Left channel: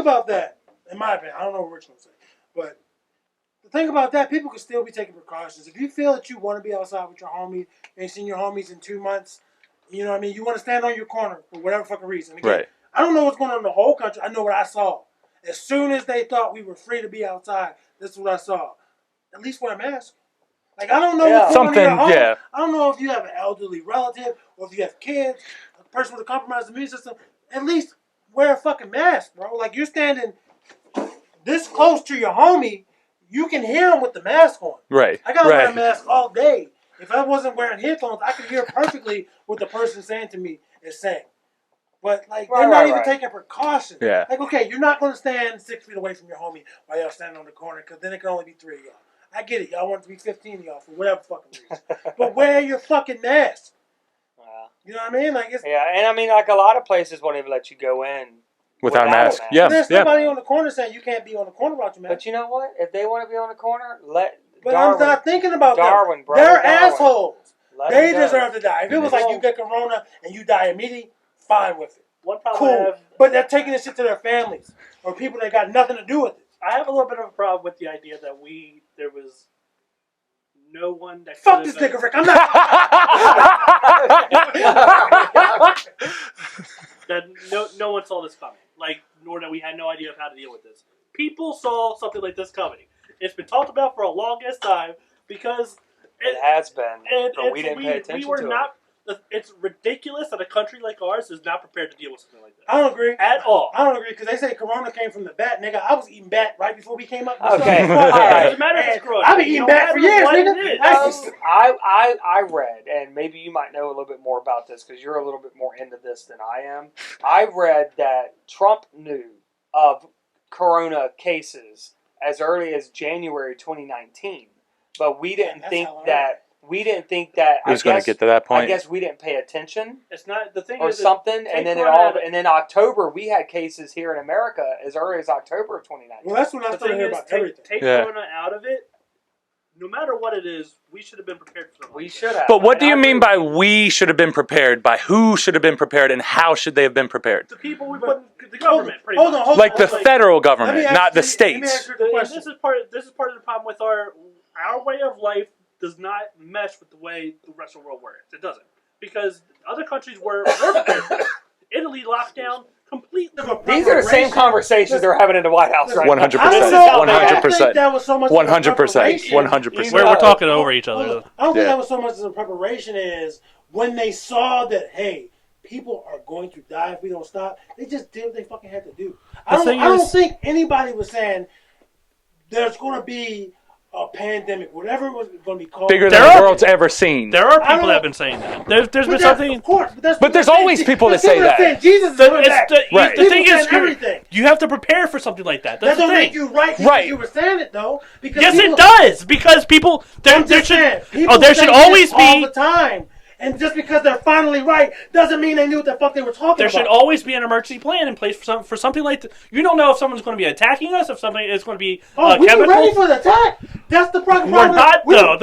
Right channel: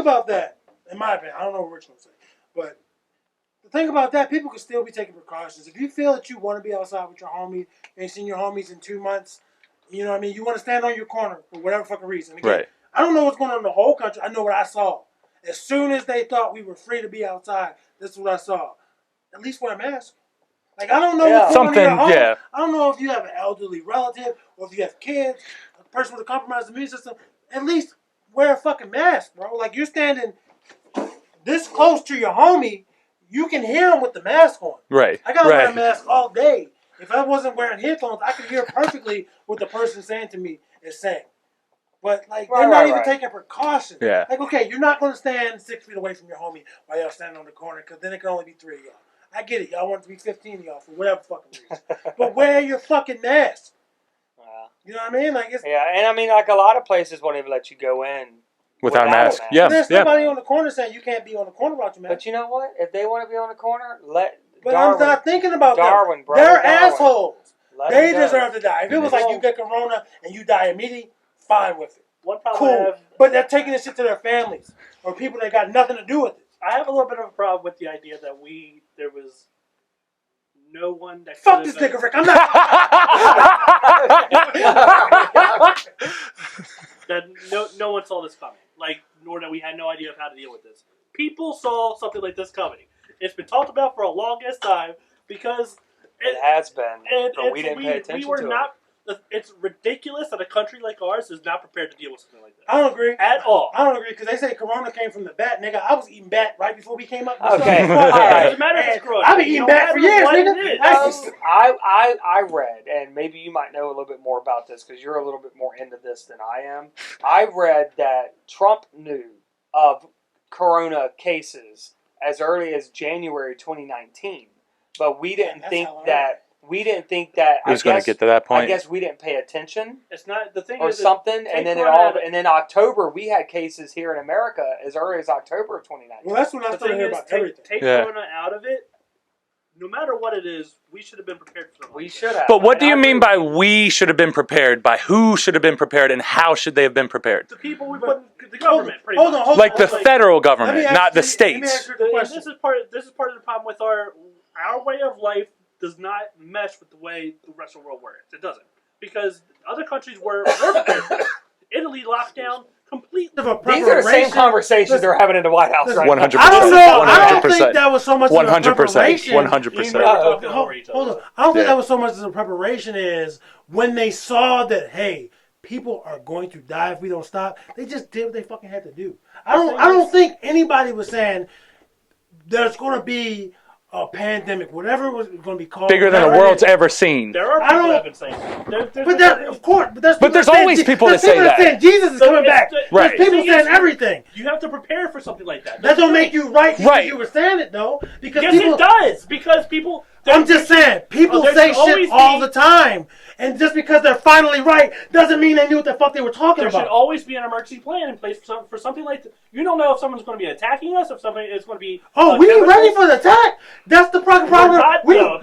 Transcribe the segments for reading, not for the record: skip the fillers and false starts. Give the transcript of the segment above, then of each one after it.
about that, in my opinion, I don't know what Rich gonna say, but the thing about that, people can still be taking precautions. If you feel that you want to be outside with your homie, you ain't seen your homies in 2 months, you know what I mean? You want to stand on your corner for whatever fucking reason. Again, Right. I don't know what's going on in the whole country. I know what I saw. As soon as they thought we were free to be outside, this is what I saw. At least wear a mask. Like, I don't know what's going on in your home. Yeah. I don't know if you have an elderly relative or if you have kids, a person with a compromised immune system. At least wear a fucking mask, bro. Like, you're standing this close to your homie, you can hear him with the mask on. Right. I gotta wear a mask all day. If I wasn't wearing headphones, I could hear perfectly what the person saying to me is saying. But, like, they're not even taking precautions. Yeah. Like, okay, you're not going to stand 6 feet away from your homie while y'all standing on the corner, because then it can only be 3 of y'all. I get it. Y'all want it to be 15 of y'all for whatever fucking reason. But wear your fucking mask. You know what I mean? Like, it's, yeah, and I mean, like, a lot of places won't even let you go in without a mask. Yeah. There's somebody on the corner saying you can't be on the corner without your mask. But you know what? If they want to be on the corner, But Darwin, I'm not thinking about Darwin, them. Brother They're Darwin. assholes. They deserve to die. If it was Mm-hmm. like you get corona and you die immediately, fine with it. One problem I Cool. have, But they're taking this shit to their families or people that got nothing to do with it. I have a little bit of a problem with the idea that there was no one that Fuck this nigga, Rick. I'm not. that no one saw this coming. Like, nor that we had no idea of how to deal with this. People saw something like this coming. It's been talked about for a longest time because it has been, but we didn't pay attention we were to not. It's ridiculous that a country like ours is not prepared to deal with something like that. I don't agree. At all. I don't agree because they say corona came from the bat, nigga. I was eating bat right before we came up. Okay. It doesn't matter if it's corona. I've been eating bat for years, nigga. I read, and maybe you might know a little bit more about this because you're a little bit more into this than I am. I read that Trump knew of corona cases as early as January 2019, but we didn't think that. We didn't think that it was going to get to that point. I guess we didn't pay attention. It's not the thing, or something, and then and then October we had cases here in America as early as October of 2019. Well, that's when I started hearing about everything. Take corona out of it. No matter what it is, we should have been prepared for something. We should have. But what do you mean by we should have been prepared? By who should have been prepared, and how should they have been prepared? The people we put in the government, pretty much. Like the federal government, not the states. This is part of the problem with our way of life. Does not mesh with the way the rest of the world works. It doesn't. Because other countries were prepared. Italy locked down completely. These are the same conversations they're having in the White House right now. 100%. I don't think that was so much 100%. 100%. We're talking over each other. I don't think that was so much as a preparation is when they saw that, hey, people are going to die if we don't stop, they just did what they fucking had to do. I don't think anybody was saying there's going to be a pandemic, whatever it was going to be called. Bigger than the world's ever seen. There are people that have been saying that. There's been something. Of course, but there's always people that say that. Jesus is coming back. Right. People saying everything. You have to prepare for something like that. That don't make you right because you were saying it, though. Because yes, it does. Because people... I'm just saying. People say this all the time. And just because they're finally right doesn't mean they knew what the fuck they were talking about. There should always be an emergency plan in place for something like that. You don't know if someone's going to be attacking us, if somebody is going to be. Oh, we were ready for the attack. That's the problem. We're not, though.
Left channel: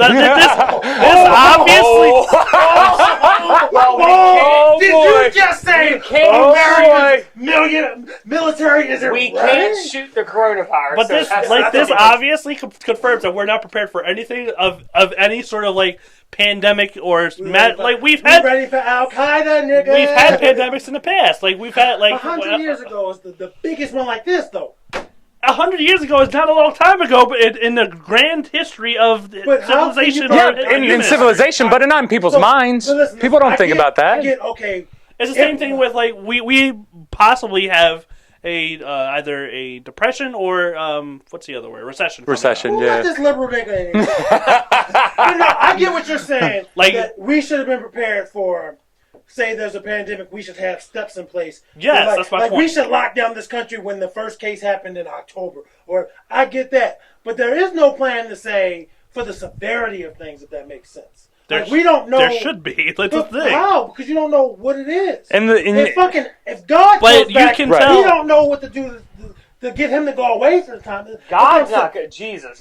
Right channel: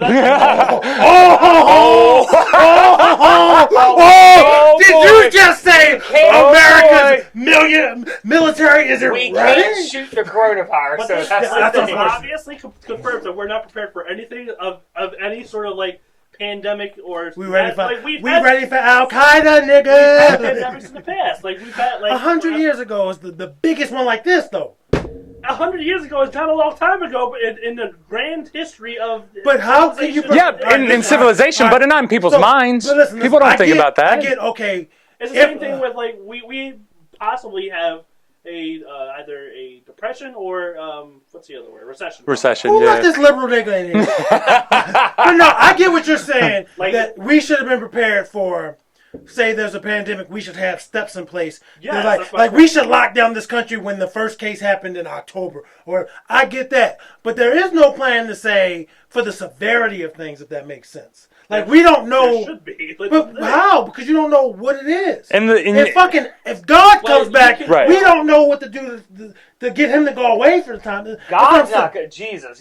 Did you just say America's military isn't ready? We can't shoot the coronavirus. But this obviously confirms that we're not prepared for anything of any sort of like pandemic or we're ready for Al Qaeda, nigga. We've had pandemics in the past. Like we've had 100 years ago was the biggest one like this, though. 100 years ago is not a long time ago, but in the grand history of civilization. In civilization, but not in people's minds. Listen, people don't think about that. It's the same thing with like we possibly have a either a depression or what's the other word? Recession. Recession. Let this liberal nigga in. But no, I get what you're saying. Like that we should have been prepared for. Say there's a pandemic, we should have steps in place. Yes, like we should lock down this country when the first case happened in October. Or I get that, but there is no plan to say for the severity of things, if that makes sense. Like we don't know. There should be. But how? Because you don't know what it is. If God comes back, we don't know what to do to get him to go away for the time. God's not good. Jesus,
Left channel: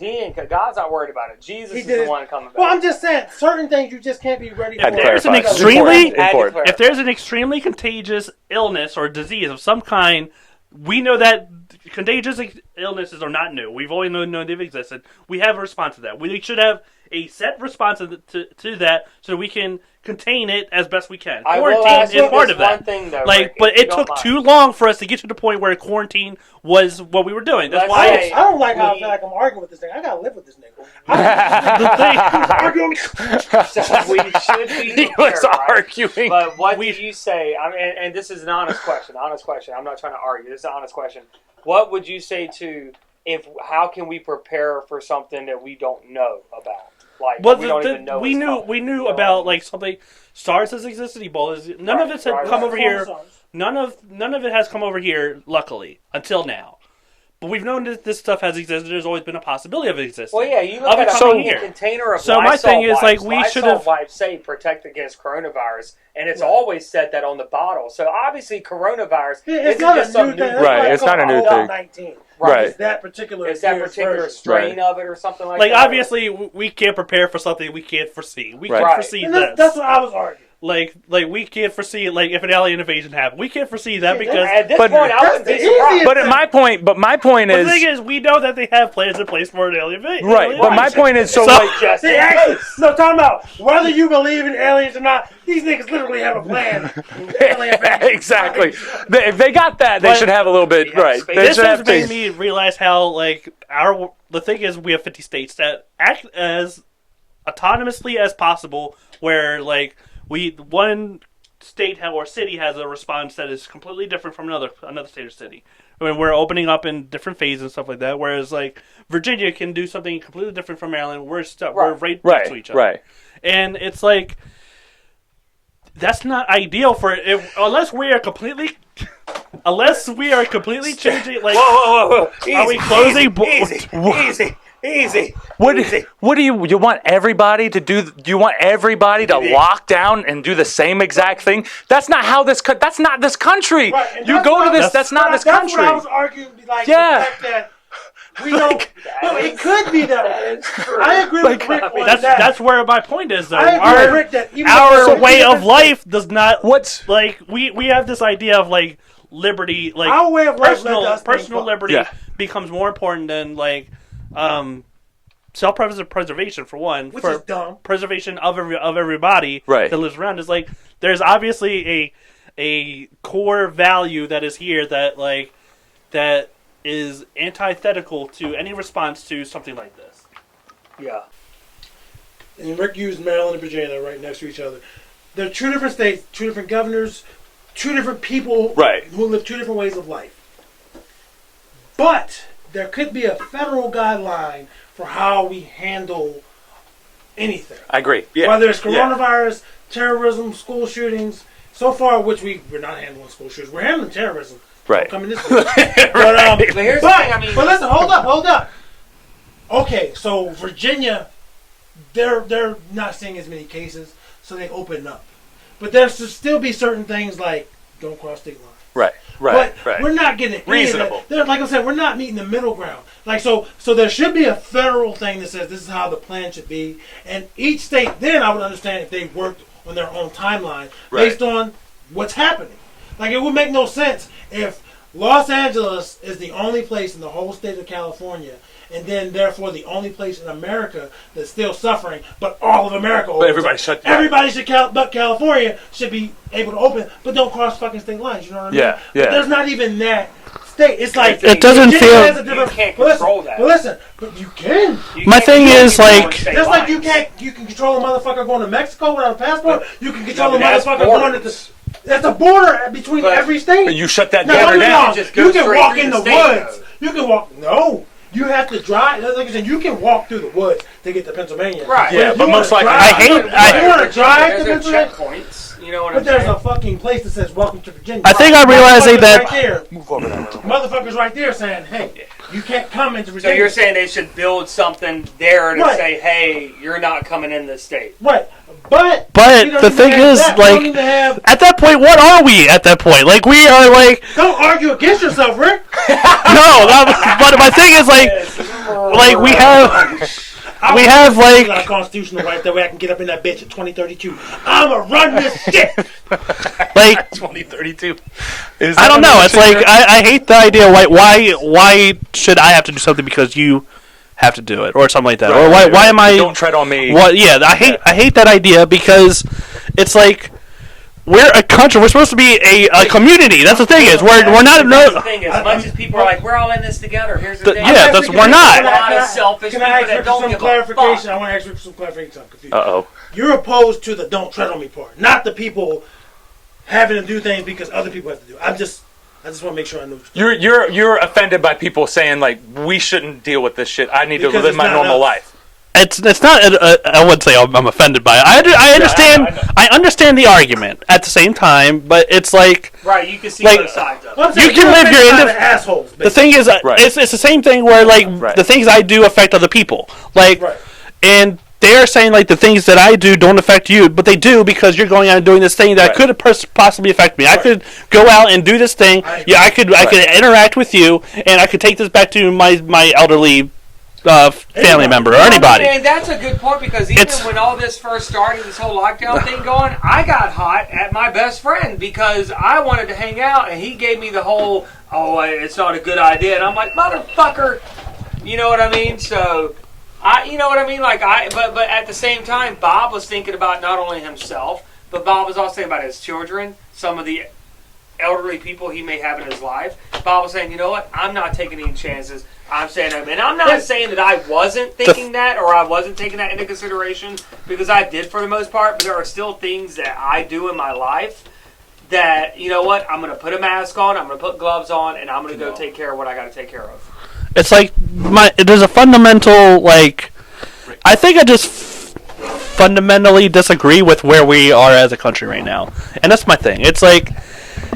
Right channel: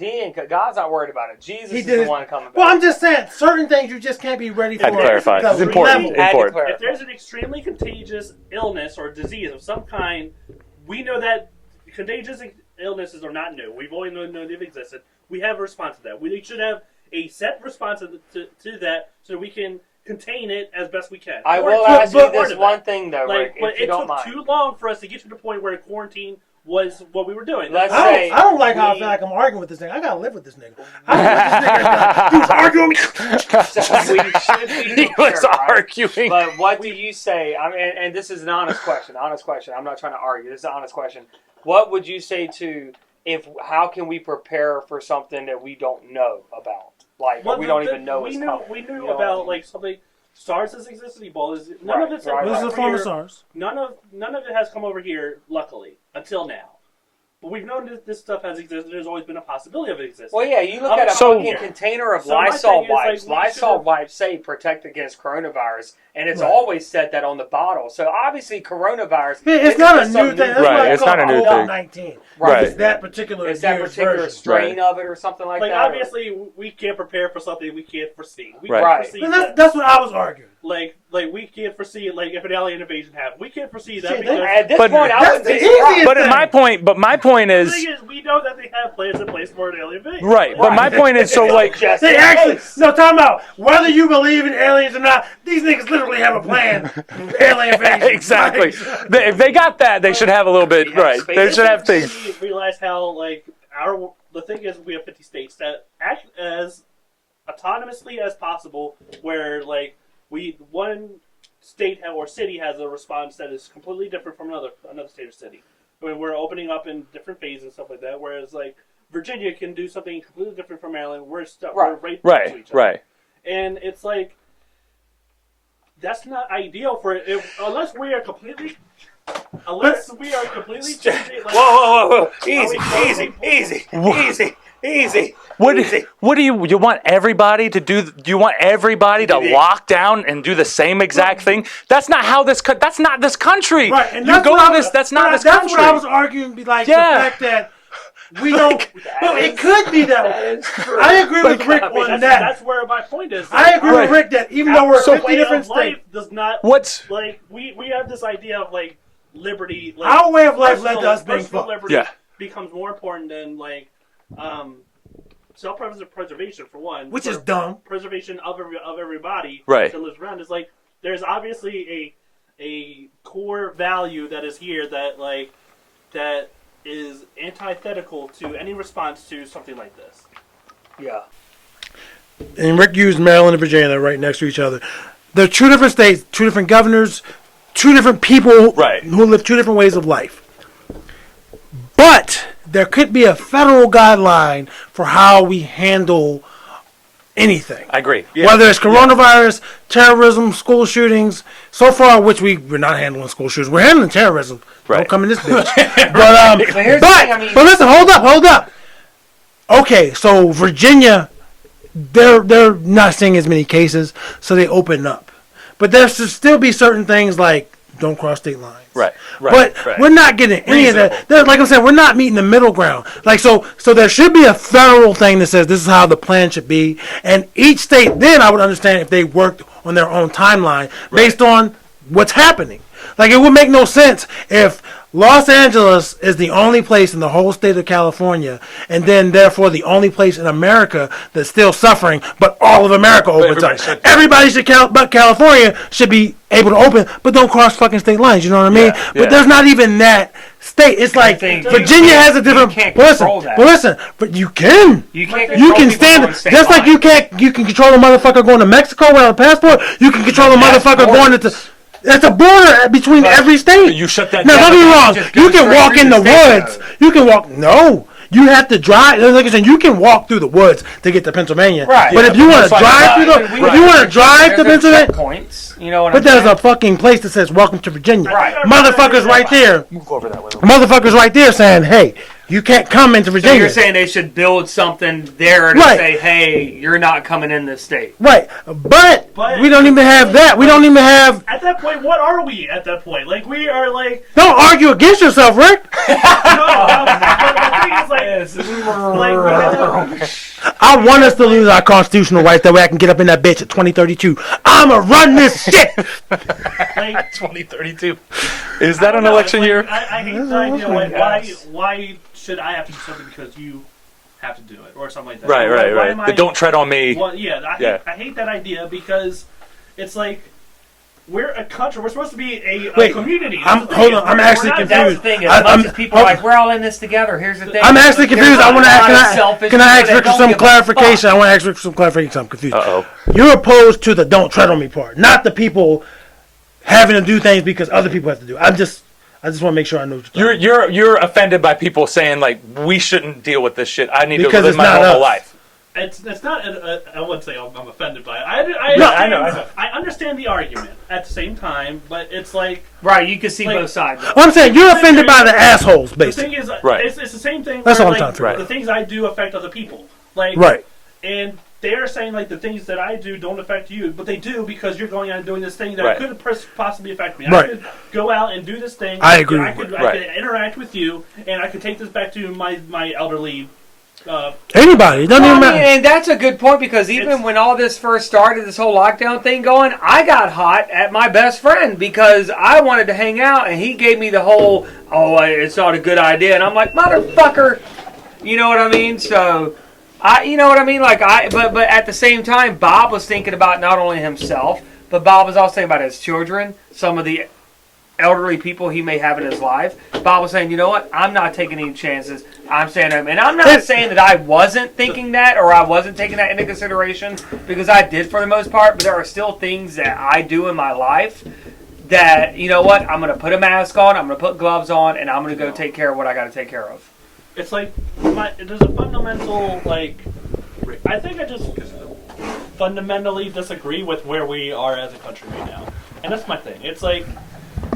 God's not worried about it. Jesus is the one coming back. Well, I'm just saying, certain things you just can't be ready for. If there's an extremely contagious illness or disease of some kind, we know that contagious illnesses are not new. We've always known they've existed. We have a response to that. We should have a set response to that so we can contain it as best we can. I will ask you this one thing though, like, Rick, but it took too long for us to get to the point where quarantine was what we were doing. That's Let's why say- I don't like how I feel like I'm arguing with this nigga. I gotta live with this nigga. He's arguing. we should be He was prepared, right? arguing. But what do you say? I mean, and this is an honest question. Honest question. I'm not trying to argue. This is an honest question. What would you say to how can we prepare for something that we don't know about? Like we don't even know. We it's knew coming. we knew You know about what I mean? like something. SARS has existed. Ebola. None of it's Right, come right. over From here. SARS. None of it has come over here. Luckily, until now. But we've known that this stuff has existed. There's always been a possibility of it existing. Well, yeah, you look Up at a until fucking here. container of So my Lysol thing is, wipes. like, we Lysol should've- wipes say protect against coronavirus, and it's Right. always said that on the bottle. So obviously, coronavirus. Man, it's isn't not a just new some thing. new That's Right, why it's not a new thing. COVID-19. Right. It's that particular. It's that year's particular version. strain of it or something like Like that. obviously, we can't prepare for something we can't foresee. We Right. can't Right. foresee And that. that's what I was arguing. Like we can't foresee like if an alien invasion happened. We can't foresee that Yeah, because At this But point, I that's wouldn't be the surprised. easiest- But my point the is thing is we know that they have plans in place for an alien invasion. right. But my point is so like Just They in actually, case. no, talking about whether you believe in aliens or not, these niggas literally have a plan. Alien invasion. exactly. If they got that, they But- should have a little bit Yeah, right. space- They This should have has made things. me realize how like the thing is we have 50 states that act as autonomously as possible, where like one state or city has a response that is completely different from another state or city. I mean, we're opening up in different phases and stuff like that. Whereas like Virginia can do something completely different from Maryland. We're right next to each other. Right. And it's like that's not ideal for it unless we are completely changing. Like, Whoa! Are we closing Easy. What do you want everybody to do? Do you want everybody to lock down and do the same exact thing? That's not how that's not this country. Right, and You that's go what to I- this. That's not this That's country. what I was arguing. Be like Yeah. the fact that we don't. No, it could be that way. I agree with Rick on that. that's where my point is. Though. I agree with Rick that even though Our we're way different of life does not. What's Like we have this idea of like liberty, like Our way of life led to us being personal fucked. liberty Yeah. becomes more important than like self-preservation for one, which for is dumb. preservation of everybody Right. that lives around. Is like there's obviously a core value that is here that is antithetical to any response to something like this. Yeah. And Rick used Maryland and Virginia, they're right next to each other. They're two different states, two different governors, two different people Right. who live two different ways of life. But there could be a federal guideline for how we handle anything. I agree. Yeah. Whether it's coronavirus, terrorism, school shootings. So far, which we're not handling school shootings. We're handling terrorism. Right. Don't come in this bitch. But here's the thing, I mean, But listen, hold up. Okay, so Virginia, they're not seeing as many cases, so they open up. But there should still be certain things like don't cross state lines. Right. But Right. we're not getting any of Reasonable. that. Like I said, we're not meeting the middle ground. Like so there should be a federal thing that says this is how the plan should be, and each state. Then I would understand if they worked on their own timeline based on what's happening. Like it would make no sense if Los Angeles is the only place in the whole state of California, and then therefore the only place in America that's still suffering, but all of America opens everybody up. shut down. Everybody should but California should be able to open, but don't cross fucking state lines. You know what I mean? Yeah, But yeah. there's not even that state. It's like It doesn't Virginia feel- has a different. you can't But listen, control that. but listen, but you can. My thing You is, can like, stand- just like you can control a motherfucker going to Mexico without a passport. You can control a that's motherfucker going borders. into. That's a border between every state. You shut that Now, down. don't get me that wrong. just You goes can straight walk through in the the state, woods. You can walk. No. You have to drive. Like I said, you can walk through the woods to get to Pennsylvania. Right. But Yeah, if you but want to most likely- drive, if you want to drive to There's Pennsylvania, checkpoints, you know what but I'm there's saying? a fucking place that says "Welcome to Virginia." I think I'm realizing Motherfuckers that- right there. Move over that way. Motherfuckers right there saying, "Hey, you can't come into So Virginia." you're saying they should build something there to Right. say, hey, you're not coming in this state. Right, but we don't the even thing have is, that. We like- don't even have. At that point, what are we at that point? Like, we are like, Don't argue against yourself, Rick. but my thing is like we have, I We want have, to like- our constitutional right that way I can get up in that bitch at 2032. I'ma run this shit. like, 2032. Is I that don't an know. It's election like year? I hate the idea. Why should I have to do something because you have to do it or something like that? Right, Or why am I? Don't tread on me. What? Yeah, I hate that idea because it's like. We're a country. We're supposed to be a community. That's the thing. Is we're not. That's the thing. As much as people are like, we're all in this together. Here's the thing. I'm actually confused. not. Can I ask for some clarification? I want to ask for some clarification. I'm confused. You're opposed to the "don't tread on me" part, not the people having to do things because other people have to do. I just want to make sure I know. You're offended by people saying like we shouldn't deal with this shit. I need Because to live it's my not normal us. life. It's not. I wouldn't say I'm offended by it. I understand. I know. I understand the argument at the same time, but it's like Right, you can see Like- both sides. I'm saying You you're live offended your by inter- the assholes. the Basically. thing is, Right. it's the same thing where what I'm like talking about. the things I do affect other people. Like Right. and they're saying like the things that I do don't affect you, but they do because you're going out and doing this thing that Right. could possibly affect me. I Right. could go out and do this thing. I agree. Yeah, I could interact with you, and I could take this back to my elderly family Anybody. member, No, or no, no, anybody. And that's a good point because even It's- when all this first started, this whole lockdown thing going, I got hot at my best friend because I wanted to hang out and he gave me the whole, it's not a good idea. And I'm like, motherfucker, you know what I mean? So, you know what I mean? Like, but at the same time, Bob was thinking about not only himself, but Bob was also thinking about his children, some of the elderly people he may have in his life. Bob was saying, you know what? I'm not taking any chances. I'm saying, and I'm not saying that I wasn't thinking that or I wasn't taking that into consideration because I did for the most part, but there are still things that I do in my life that, you know what? I'm going to put a mask on, I'm going to put gloves on, and I'm going to go take care of what I got to take care of. It's like there's a fundamental like. I think I just fundamentally disagree with where we are as a country right now, and that's my thing. It's like,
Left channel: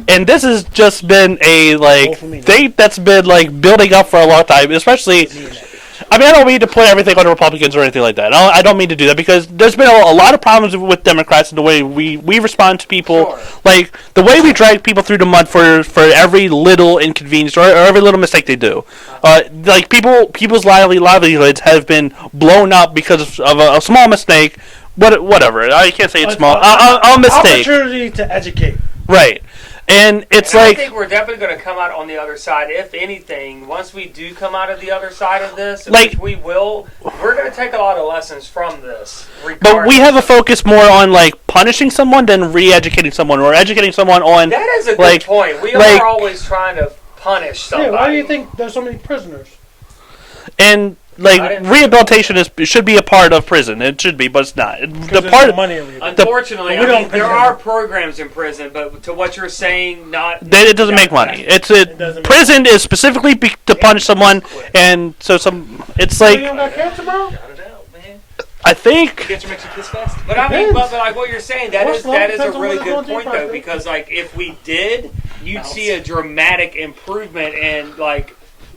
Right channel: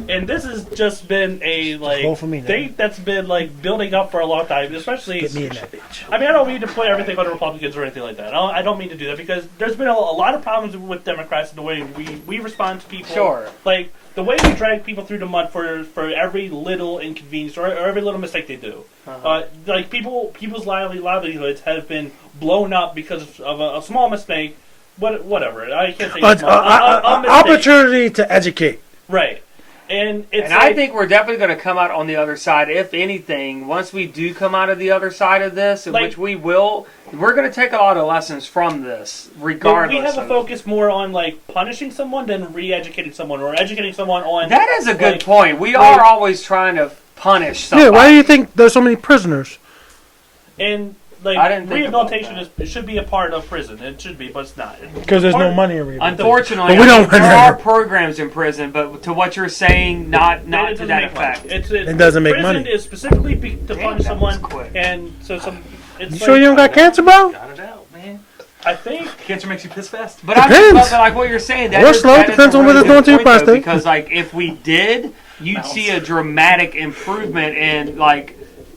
and this has just been a Vote for me, thing that's been like building up for a long time, especially. Me and that bitch. I mean, I don't mean to put everything on the Republicans or anything like that. I don't mean to do that because there's been a lot of problems with Democrats and the way we respond to people. Sure. Like, the way we drag people through the mud for every little inconvenience or every little mistake they do. Like, people's livelihoods have been blown up because of a small mistake. Whatever. I can't say it's small. A mistake. Opportunity to educate. Right. And it's And like... I think we're definitely going to come out on the other side. If anything, once we do come out of the other side of this, Like- which we will, we're going to take a lot of lessons from this. But we have a focus more on, like, punishing someone than re-educating someone or educating someone on... That is a good like- point. We like- are always trying to punish somebody. Yeah, why do you think there's so many prisoners? And I like didn't- rehabilitation should be a part of prison. It should be, but it's not. Because The there's part no money in rehabilitation. Unfortunately, But we don't- there are programs in prison, but to what you're saying, not it doesn't that make money. fact. It doesn't make prison money. is specifically to punish someone, and so it's So like you don't got cancer, bro? I don't know, man. I think Cancer makes you piss fast. But I mean, Depends. but like what you're saying, that Or is, slow, that is depends a on really what it's doing good to your point, though, prostate. because like if we did, you'd see a dramatic improvement in like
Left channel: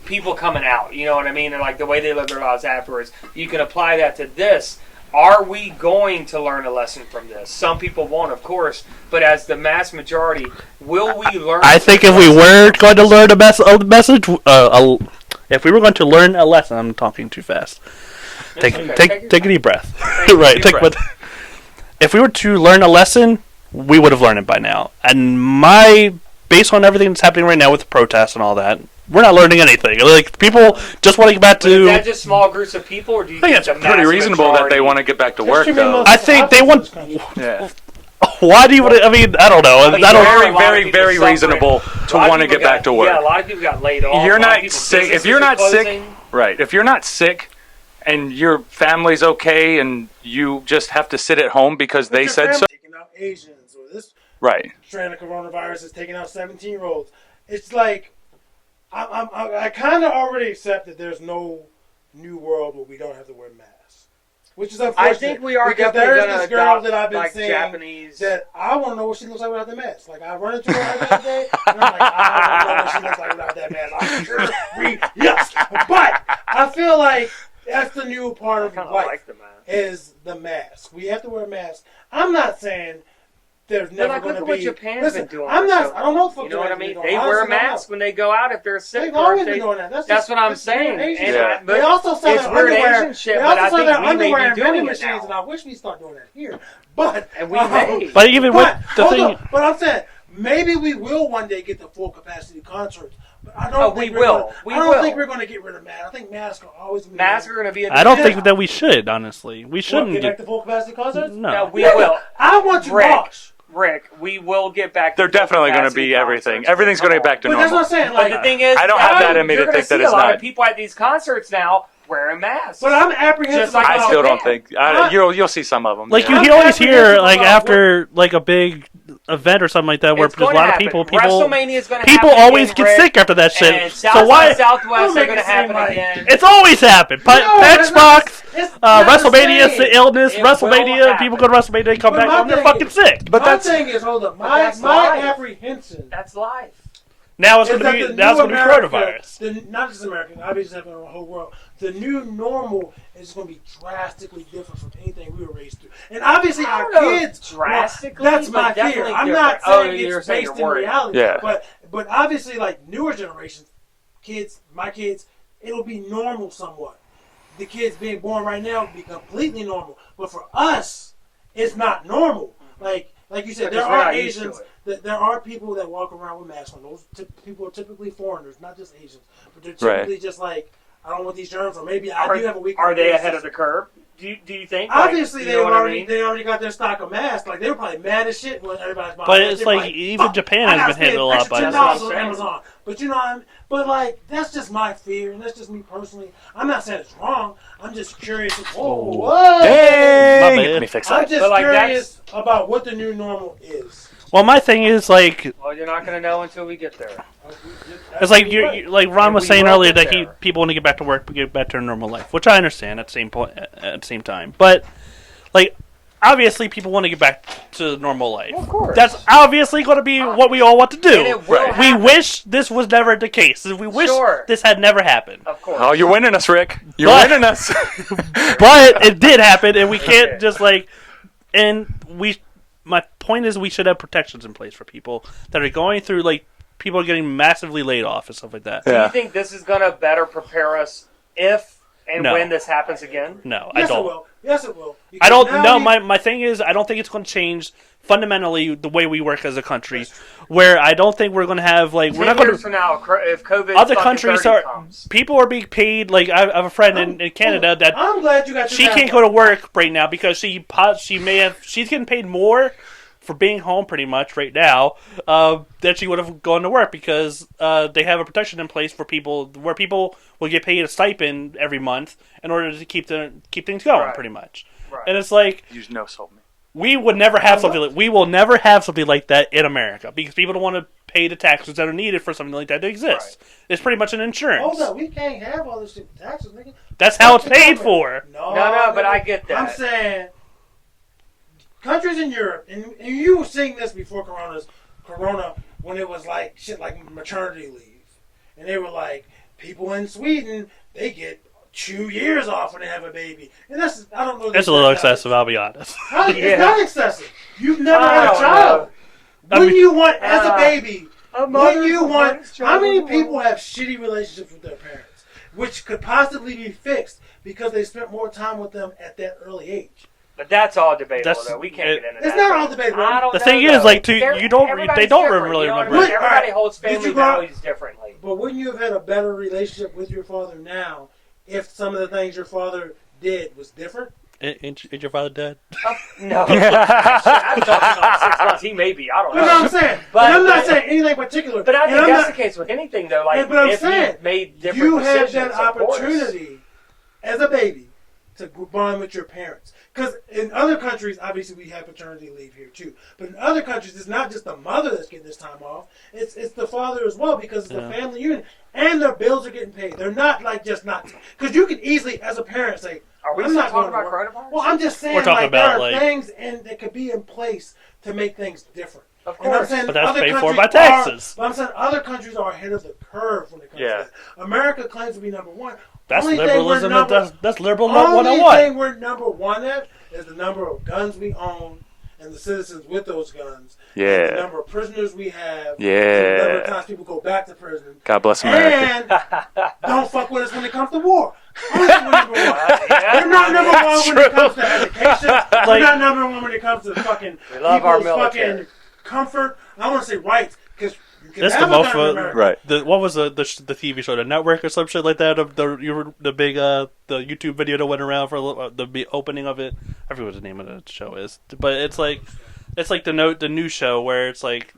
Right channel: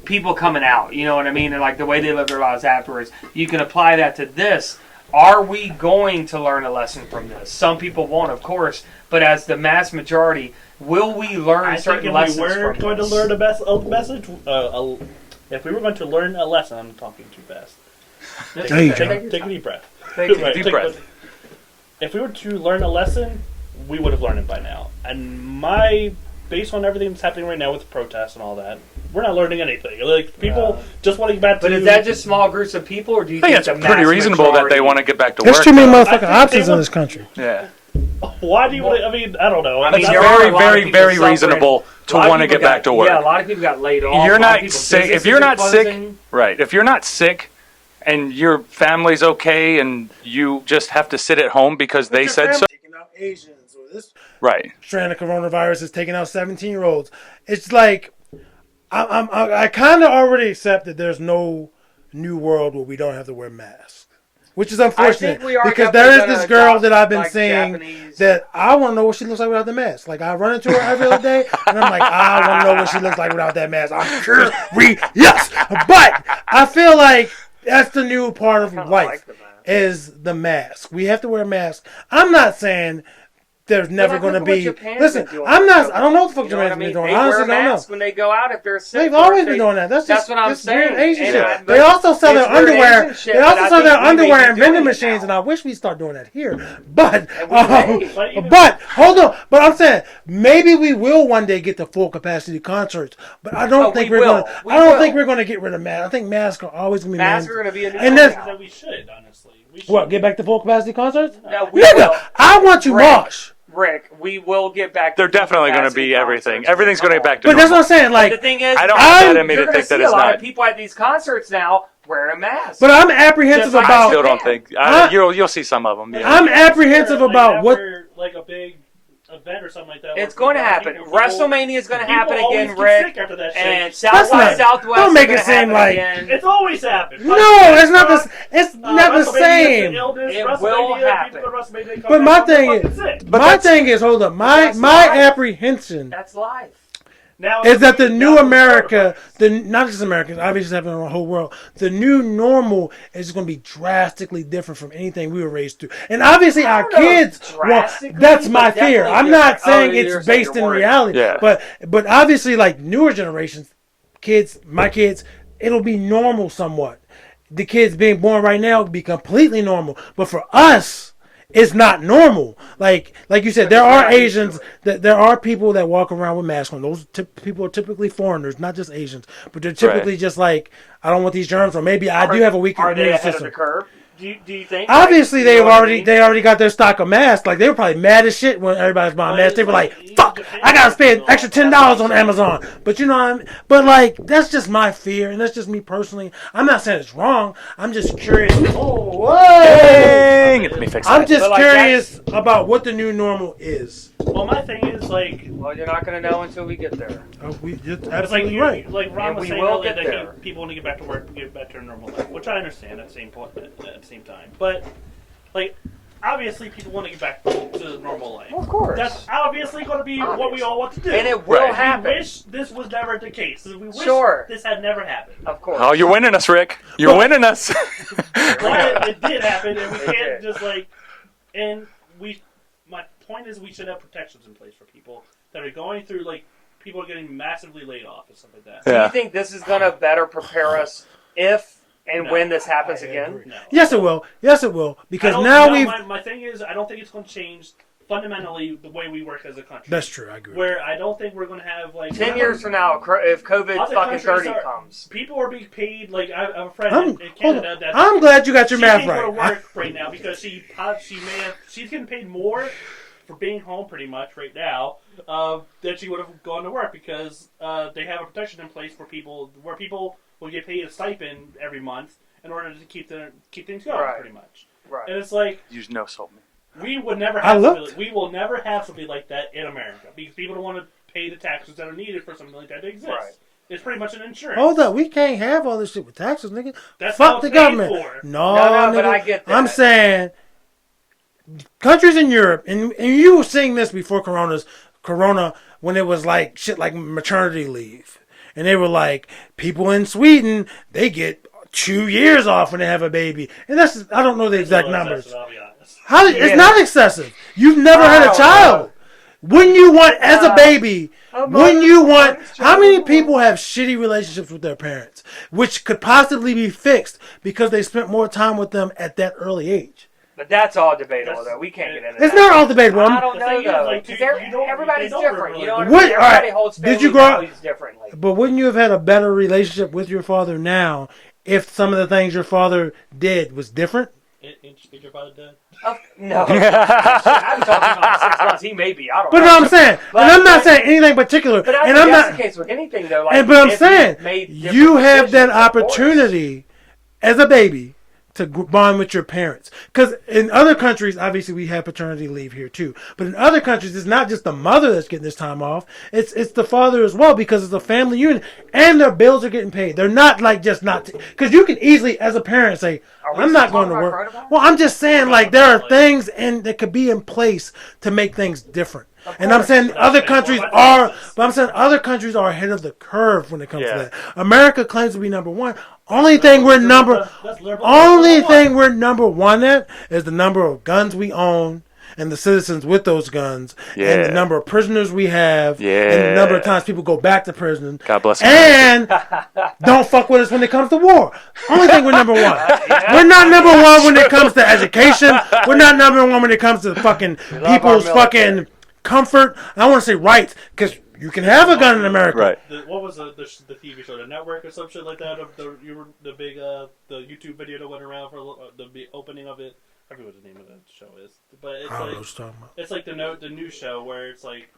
people coming out. You know what I mean? And like the way they live their lives afterwards. You can apply that to this. Are we going to learn a lesson from this? Some people won't, of course, but as the mass majority, will we learn? I think if certain we lessons were from going to this? learn a message, if we were going to learn a lesson, I'm talking too fast. Take a deep breath. Right. deep breath. If we were to learn a lesson, we would have learned it by now. And based on everything that's happening right now with the protests and all that, we're not learning anything. Like people just want to get back But to. is that just small groups of people, or do you I think think it's the pretty mass reasonable that majority- they want to get back to There's work. too many Though. I think motherfucking they options want- in this country. Yeah, Why do you want to? I mean, I don't know. I mean, I don't, there are very, a lot of very, people very suffering. reasonable to A lot of want to people get back to work. Yeah, a lot of people got laid off. You're A lot of not people's sick. If businesses you're are not sick, closing. right? If you're not sick, and your family's okay, and you just have to sit at home because they said so, Taking out Asians, or this right? strand of coronavirus is taking out 17-year-olds. It's like I kind of already accept that there's no new world where we don't have to wear masks, which is unfortunate. I think we are because definitely there is gonna this girl adopt, that I've been like, seeing Japanese- that I want to know what she looks like without the mask. Like I run into her every other day, and I'm like, I want to know what she looks like without that mask. I'm sure yes, but I feel like that's the new part of kinda life like the mask. is the mask. We have to wear masks. I'm not saying there's never like, going look to at be. what Japan's Listen, been doing I'm for not. so I don't know what the fuck You know what I Japan's mean? been doing. They Honestly, wear I don't know. masks when they go out if they're sick. They've or always if been they- doing that. That's That's what I'm just weird saying. Asian And shit. I- They also sell their it's weird underwear. Asian shit, They but also I sell think their we may underwear be in vending doing it machines, now. and I wish we start doing that here. But And we may. But even but with the hold thing- on. But I'm saying maybe we will one day get to full capacity concerts, but I don't Oh, think we we're will. gonna, We I don't will. think we're going to get rid of masks. I think masks are always going to be Masks are going to be. I don't And think then- that we should. Honestly, we What, shouldn't get back to full capacity concerts? No. No, we Yeah, will. I want you Rick, mosh. Rick, we will get back. They're to definitely going to capacity be everything. concerts. Everything's going to get back to But that's normal. what I'm saying. But Like, the thing is, I don't have that in me you're to gonna think that see it's a lot not. of people at these concerts now wearing masks. but I'm apprehensive Just like about. I still don't Yeah. think. Huh? You'll see some of them. Like yeah. I'm you always hear apprehensive like about after like a big event or something like that where it's there's going a to lot of happen. people WrestleMania is going to happen. people always again, get Rick, sick after that shit. And So South why- by Southwest don't make are it going to happen seem like- again. It's always happened. No, it's not. Xbox, It's not the WrestleMania, same. it's the illness. It will WrestleMania, happen. people go to WrestleMania, they come But back my home, they're thing fucking is- sick. But my that's- thing is, hold up. that's My life. apprehension That's life. Now it's is that the now new it's America, coronavirus. not just Americans, obviously happening in the whole world, the new normal is going to be drastically different from anything we were raised through. And obviously I our don't know if kids, drastically, that's my but fear. definitely I'm not different. saying Oh, you're it's saying based you're in worried. reality, Yeah. but obviously like newer generations, kids, my kids, it'll be normal somewhat. The kids being born right now will be completely normal. But for us, it's not normal. Like you said, there Because we're are not used to Asians. it. That there are people that walk around with masks on. Those people are typically foreigners, not just Asians. But they're typically just like, I don't want these germs, or maybe I do have a weak. Are they immune ahead of system. the curve? Do you think? Obviously, Like, you know what I mean? they already got their stock of masks. Like they were probably mad as shit when everybody's buying But masks. it's They were like, like, even "Fuck, Japan I gotta has spend handled a extra lot, but $10 that's on what I'm Amazon." But you know, what I mean? But like that's just my fear, and that's just me personally. I'm not saying it's wrong. I'm just curious. Oh, whoa! Dang! My bad. Let me fix I'm that. just But, like, curious about what the new normal is. Well, my thing is like Well, you're not going to know until we get there. it's like like Ron And was we saying will earlier get that there. people want to get back to work, get back to their normal life, which I understand at the same point at the same time. But like obviously, people want to get back to normal life. Of course. That's obviously going to be what we all want to do. And it will Right. happen. We wish this was never the case. We wish Sure. this had never happened. Of course. Oh, you're winning us, Rick. You're But- winning us. But it did happen, and we can't did. just like. And we, my point is, we should have protections in place for people that are going through like people are getting massively laid off and stuff like that. Do Yeah. you think this is going to better prepare us if and No. when this happens again? No, Yes, I it don't. will. Yes, it will. Because I don't now know. we've- My thing is, I don't think it's going to change fundamentally the way we work as a country. That's true, I agree. Where I don't think we're going to have like we're 10 not years from now, if COVID other fucking countries 30 are comes. people are being paid. Like I have a friend in Canada that I'm glad you got your she math can't go to right. work right now because she's getting paid more for being home pretty much right now than she would have gone to work because they have a protection in place for people where people will get paid a stipend every month in order to keep things going Right. pretty much. Right. And it's like You no sold me. we would never have I something. looked. Like, we will never have something like that in America because people don't want to pay the taxes that are needed for something like that to exist. Right. It's pretty much an insurance. Hold up, we can't have all this shit with taxes, nigga. That's how Fuck it's the paid government. for. No, No, but nigga. I get that. I'm saying countries in Europe, and you were seeing this before Corona, when it was like shit like maternity leave, and they were like people in Sweden they get 2 years off when they have a baby, and that's I don't know the It's a exact little numbers. excessive, I'll be honest. How, Yeah. It's not excessive. You've never I had a don't child. Wouldn't you want as a baby? A Wouldn't you want? mother's How many child. people have shitty relationships with their parents, which could possibly be fixed because they spent more time with them at that early age? But that's all debatable, That's- though. We can't get into It's that. not all debatable. I don't The know, thing is, though. like, Everybody's they don't different, really- you know what I What- mean? Everybody alright, holds did you family grow up- values differently. But wouldn't you have had a better relationship with your father now if some of the things your father did was different? Is your father dead? No. I haven't talked to him in 6 months. He may be. I don't But know. no, I'm saying, But- and I'm not but- saying anything particular. But I and think I'm that's not, the case with anything, though. Like, but I'm if saying, you made different you have that decisions, of course. opportunity as a baby to bond with your parents. Because in other countries, obviously we have paternity leave here too. But in other countries, it's not just the mother that's getting this time off. It's the father as well because it's a family unit. And their bills are getting paid. They're not like just not... Because you can easily, as a parent, say, Are we I'm still not going to talking work. about coronavirus? Well, I'm just saying, We're like, talking there are about, like- things that could be in place to make things different. Of And I'm course. saying But that's other paid for countries by are, taxes. but I'm saying other countries are ahead of the curve when it comes Yeah. to that. America claims to be number one. That's Only thing we're liberalism. number, That's liberal. only 101. thing we're number one at is the number of guns we own and the citizens with those guns. And Yeah. the number of prisoners we have. And Yeah. the number of times people go back to prison. God bless America. And don't fuck with us when it comes to war. Only thing we're number one. We're not number one when it comes to education. We're not number one when it comes to fucking love our people's fucking military. comfort. I don't want to say rights because you can That's have the a gun most in America. Right. What was the TV show, the Network or some shit like that? Of the big the YouTube video that went around for the opening of it. I forget what the name of the show is, but it's like the new show where it's like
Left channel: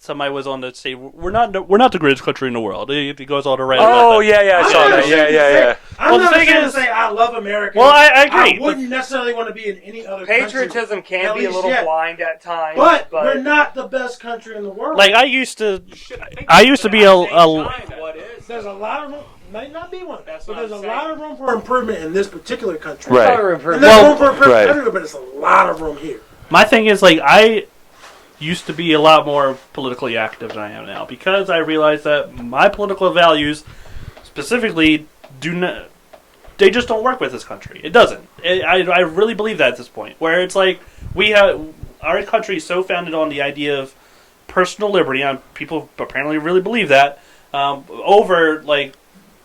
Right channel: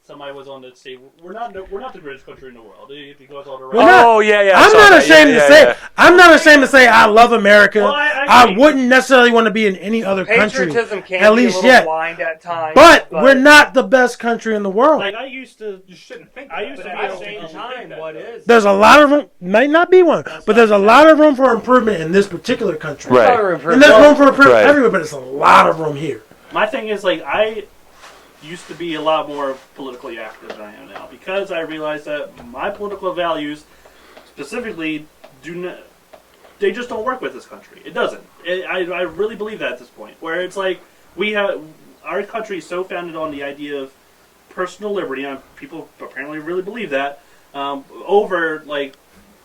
somebody was on the stage. We're not the greatest country in the world. It goes all around. Oh yeah, I I'm saw not that. ashamed to say. I'm Well, not the thing ashamed to is- say I love America. Well, I agree. wouldn't necessarily want to be in any other country. Patriotism at can be a least little yet. blind at times, But we're not the best country in the world. Like I used to be There's a lot of room. Might not be one, but there's a lot of room for improvement in this particular country. Right. And there's room for improvement Right. everywhere, but it's a lot of room here. My thing is, like, I used to be a lot more politically active than I am now because I realized that my political values, specifically, they just don't work with this country. It doesn't. I really believe that at this point, where it's like our country is so founded on the idea of personal liberty, and people apparently really believe that, over, like,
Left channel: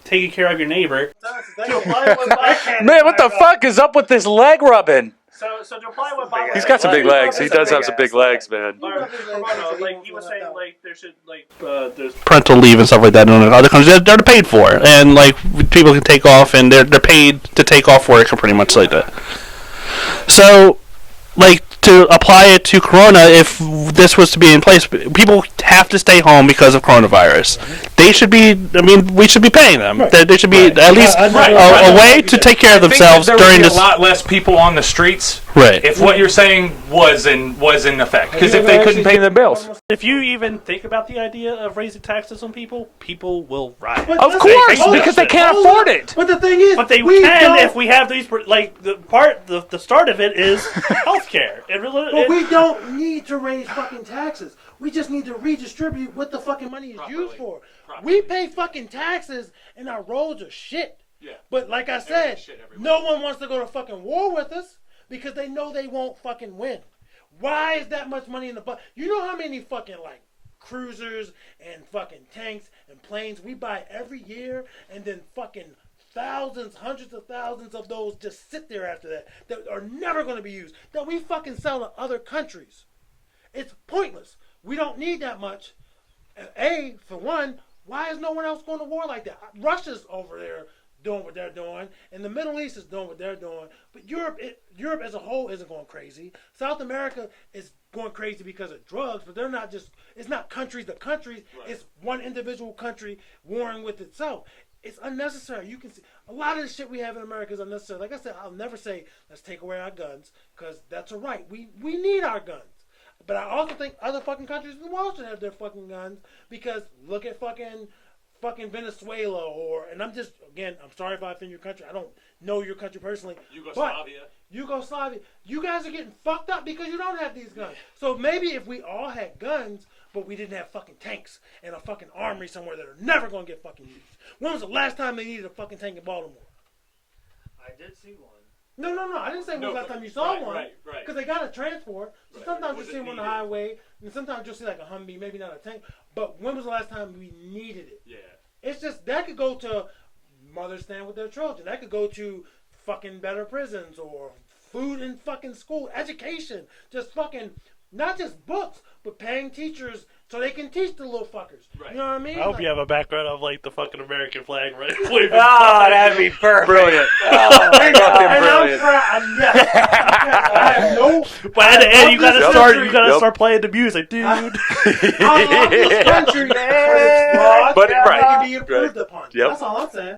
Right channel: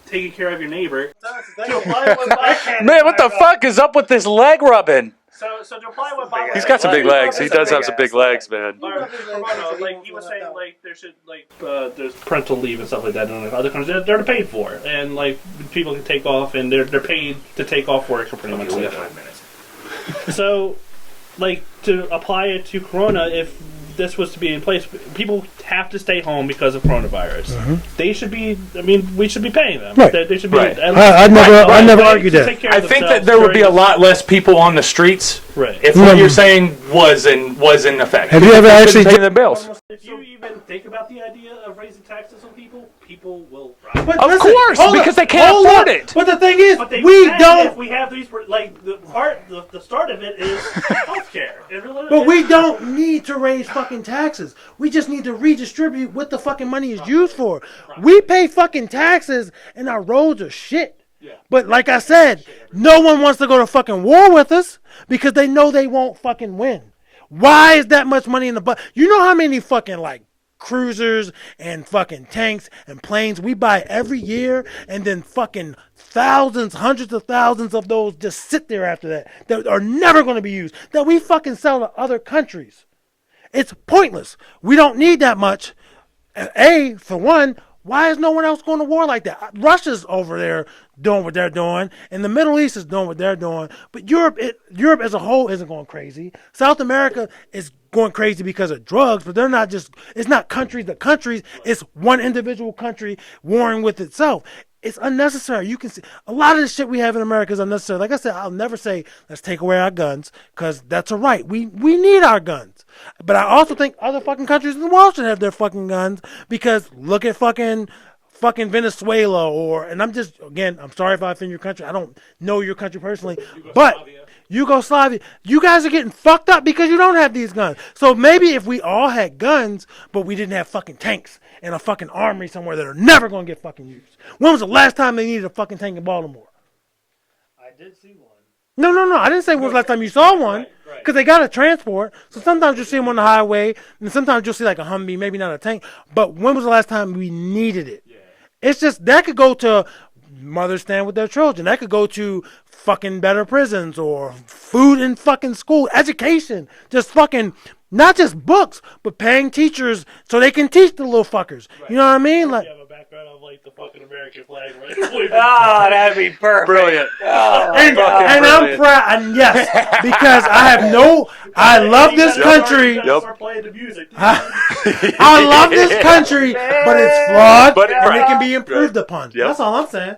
taking care of your neighbor. Man, what the fuck is up with this leg rubbing? So to apply what Bob He's got some big legs. He does have some big legs, man. Like he was saying, like there should there's Parental leave and stuff like that in other countries. They're paid for, and like people can take off, and they're paid to take off work, or pretty much like that. So, like, to apply it to Corona, if this was to be in place, people have to stay home because of coronavirus. They should be. I mean, we should be paying them. Right. They should be Right. at least I never a way argued to that. take care of I think that themselves there would during be a this. lot less people on the streets Right. if what you're saying was in effect. Have Because you if ever they actually couldn't pay their bills. If you even think about the idea of raising taxes on people, people will riot. But Of listen, course, hold because up, they can't hold afford up. it. But the thing is, But they we can don't. if we have these, like, the start of it is healthcare. But we don't need to raise fucking taxes. We just need to redistribute what the fucking money is used for. We pay fucking taxes and our roads are shit. But like I said, no one wants to go to fucking war with us because they know they won't fucking win. Why is that much money in the budget? You know how many fucking like cruisers and fucking tanks and planes we buy every year, and then fucking thousands, hundreds of thousands of those just sit there after that are never going to be used, that we fucking sell to other countries. It's pointless. We don't need that much. For one, why is no one else going to war like that? Russia's over there doing what they're doing, and the Middle East is doing what they're doing. But Europe as a whole isn't going crazy. South America is going crazy because of drugs, but they're not just. It's not countries to countries. It's one individual country warring with itself. It's unnecessary. You can see a lot of the shit we have in America is unnecessary. Like I said, I'll never say let's take away our guns because that's a right. We need our guns. But I also think other fucking countries in the world should have their fucking guns because look at fucking Venezuela and I'm sorry if I offend your country. I don't know your country personally, but Yugoslavia, you guys are getting fucked up because you don't have these guns. So maybe if we all had guns, but we didn't have fucking tanks and a fucking armory somewhere that are never going to get fucking used. When was the last time they needed a fucking tank in Baltimore? I did see one. No. I didn't say when was the last time you saw one. Because they got to transport. So sometimes you'll see them on the highway, and sometimes you'll see like a Humvee, maybe not a tank. But when was the last time we needed it? Yeah. It's just, that could go to mothers stand with their children. That could go to fucking better prisons or food in fucking school, education. Just fucking, not just books, but paying teachers so they can teach the little fuckers. Right. You know what I mean? You have a background of like the fucking American flag, right? That'd be perfect. Brilliant. And I'm proud, yes, because I love this country. You gotta start playing the music, dude. I love this country, but it's flawed, But and it can be improved upon. Yep. That's all I'm saying.